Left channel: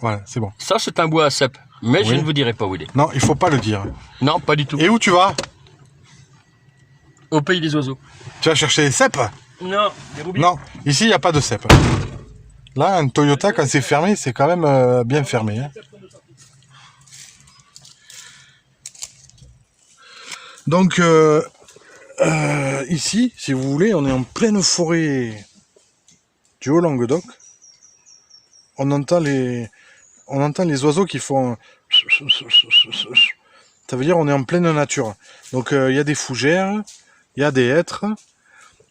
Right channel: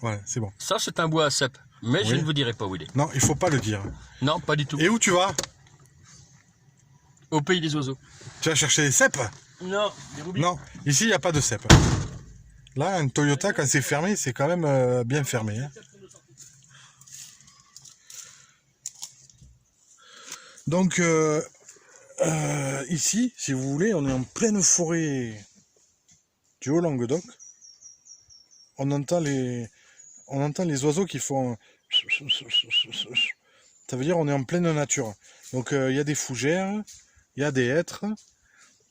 Voilà, c'est bon. Ça, c'est un bois à cèpe. Mais je Oui. ne vous dirai pas où il est. Non, il faut pas le dire. Non, pas du tout. Et où tu vas? Au pays des oiseaux. Tu vas chercher les cèpes? Non, Non, ici, il n'y a pas de cèpes. Là, un Toyota, quand c'est fermé, c'est quand même bien fermé. Hein. Donc, ici, si vous voulez, on est en pleine forêt du Haut-Languedoc. On entend les oiseaux qui font... Ça veut dire on est en pleine nature. Donc, il y a des fougères, il y a des hêtres,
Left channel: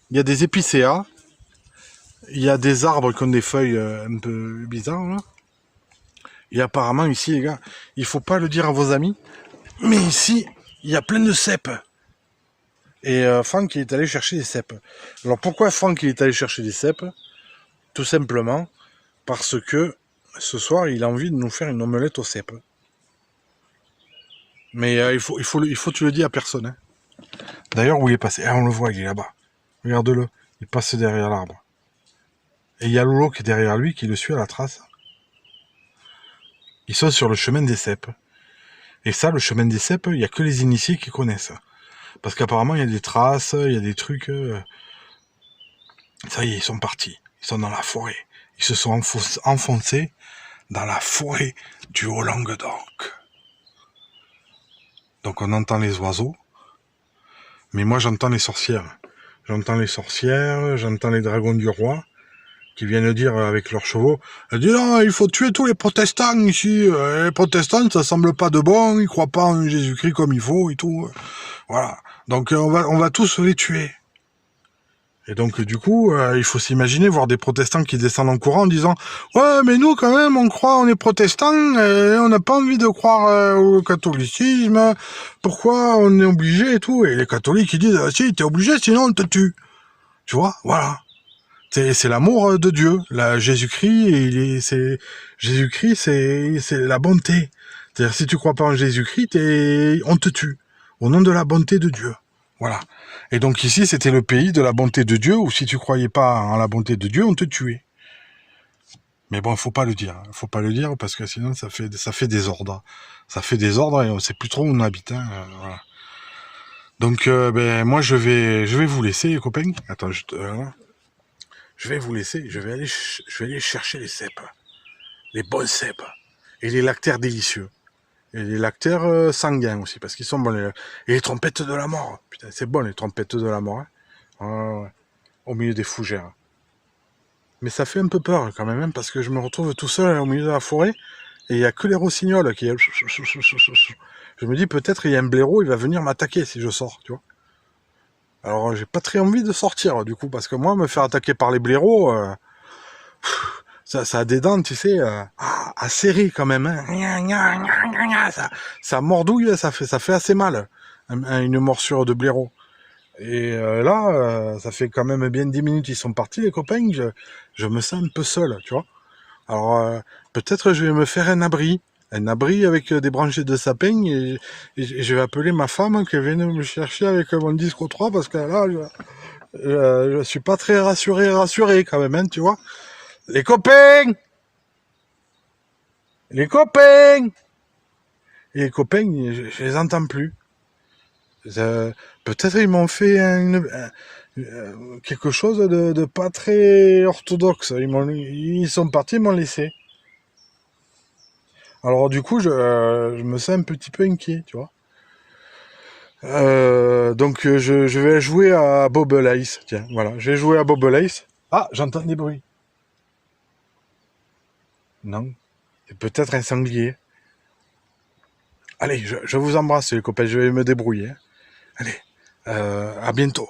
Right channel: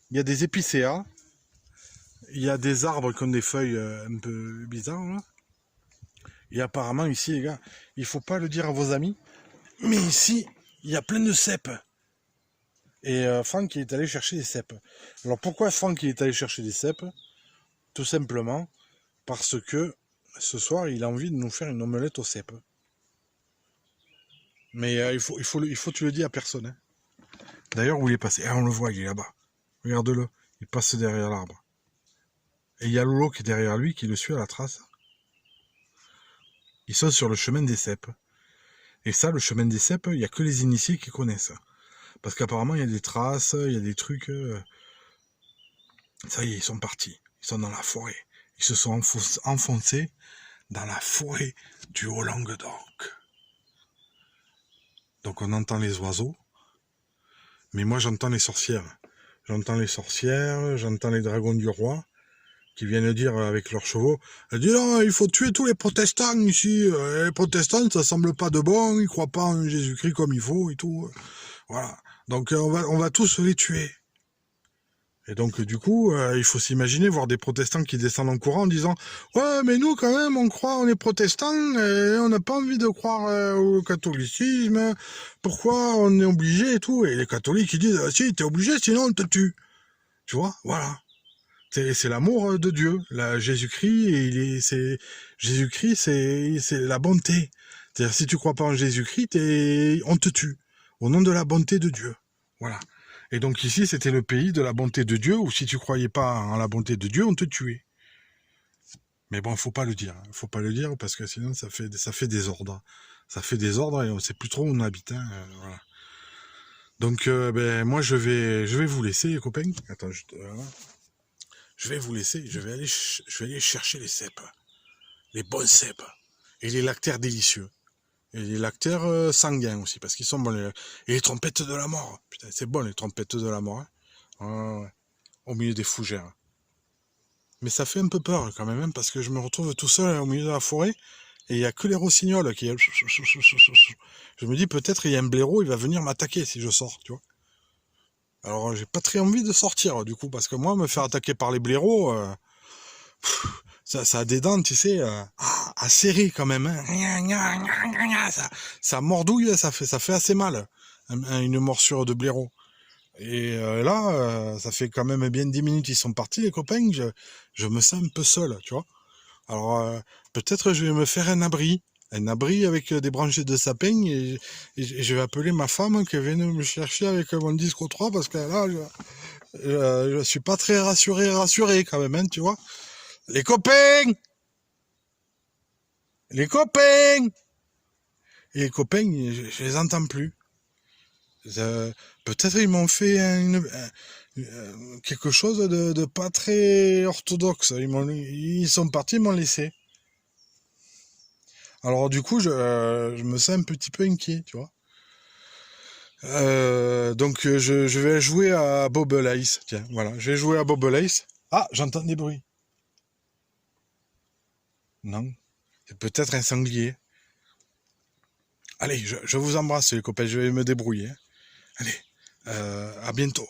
il y a des épicéas, il y a des arbres qui ont des feuilles un peu bizarres. Là. Et apparemment, ici, les gars, il faut pas le dire à vos amis, mais ici, il y a plein de cèpes. Et Franck, il est allé chercher des cèpes. Alors, pourquoi Franck, il est allé chercher des cèpes? Tout simplement parce que ce soir, il a envie de nous faire une omelette aux cèpes. Mais il faut que tu le dis à personne. Hein. D'ailleurs, où il est passé? Ah, on le voit, il est là-bas. Regarde-le, il passe derrière l'arbre. Et il y a Lolo qui est derrière lui, qui le suit à la trace. Ils sont sur le chemin des cèpes. Et ça, le chemin des cèpes, il n'y a que les initiés qui connaissent. Parce qu'apparemment, il y a des traces, il y a des trucs... Ça y est, ils sont partis. Ils sont dans la forêt. Ils se sont enfoncés dans la forêt du Haut-Languedoc. Donc on entend les oiseaux. Mais moi, j'entends les sorcières. J'entends les sorcières, j'entends les dragons du roi qui viennent dire avec leurs chevaux, dis non, il faut tuer tous les protestants ici. Les protestants, ça semble pas de bon, ils croient pas en Jésus-Christ comme il faut et tout. Voilà. Donc on va tous les tuer. Et donc du coup, il faut s'imaginer voir des protestants qui descendent en courant en disant ouais, mais nous quand même, on croit, on est protestants, et on n'a pas envie de croire au catholicisme. Pourquoi on est obligé et tout? Et les catholiques ils disent si, t'es obligé, sinon on te tue. Tu vois, voilà. C'est l'amour de Dieu. Jésus-Christ, Jésus-Christ, c'est la bonté. C'est-à-dire si tu crois pas en Jésus-Christ, on te tue au nom de la bonté de Dieu. Voilà. Et donc ici, c'était le pays de la bonté de Dieu, où si tu croyais pas en la bonté de Dieu, on te tuait. Mais bon, faut pas le dire. Faut pas le dire parce que sinon ça fait désordre. Ça fait désordre et on sait plus trop où on habite. Hein, voilà. Donc ben moi je vais vous laisser les copains. Attends, je vais vous laisser. Je vais aller chercher les cèpes, les bons cèpes et les lactaires délicieux. Et les lactaires sanguins aussi, parce qu'ils sont bons. Et les trompettes de la mort. Putain, c'est bon les trompettes de la mort. Hein. Ouais. Au milieu des fougères. Mais ça fait un peu peur quand même, hein, parce que je me retrouve tout seul au milieu de la forêt, et il n'y a que les rossignols qui... Je me dis peut-être il y a un blaireau, il va venir m'attaquer si je sors, tu vois. Alors j'ai pas très envie de sortir, du coup, parce que moi, me faire attaquer par les blaireaux... ça a des dents, tu sais, acérées quand même. Hein. Ça mordouille, ça fait assez mal, une morsure de blaireau. Et là, ça fait quand même bien 10 minutes ils sont partis, les copains, je me sens un peu seul, tu vois. Alors, peut-être je vais me faire un abri avec des branches de sapin, et je vais appeler ma femme qui vient me chercher avec mon disque 3, parce que là, je suis pas très rassuré quand même, hein, tu vois. Les copains! Les copains! Et les copains, je les entends plus. Peut-être ils m'ont fait quelque chose de pas très orthodoxe. Ils sont partis, ils m'ont laissé. Alors du coup, je me sens un petit peu inquiet, tu vois. Donc je vais jouer à Bobble Ice. Tiens, voilà, je vais jouer à Bobble Ice. Ah, j'entends des bruits. Non, c'est peut-être un sanglier. Allez, je vous embrasse les copains, je vais me débrouiller. Allez, à bientôt.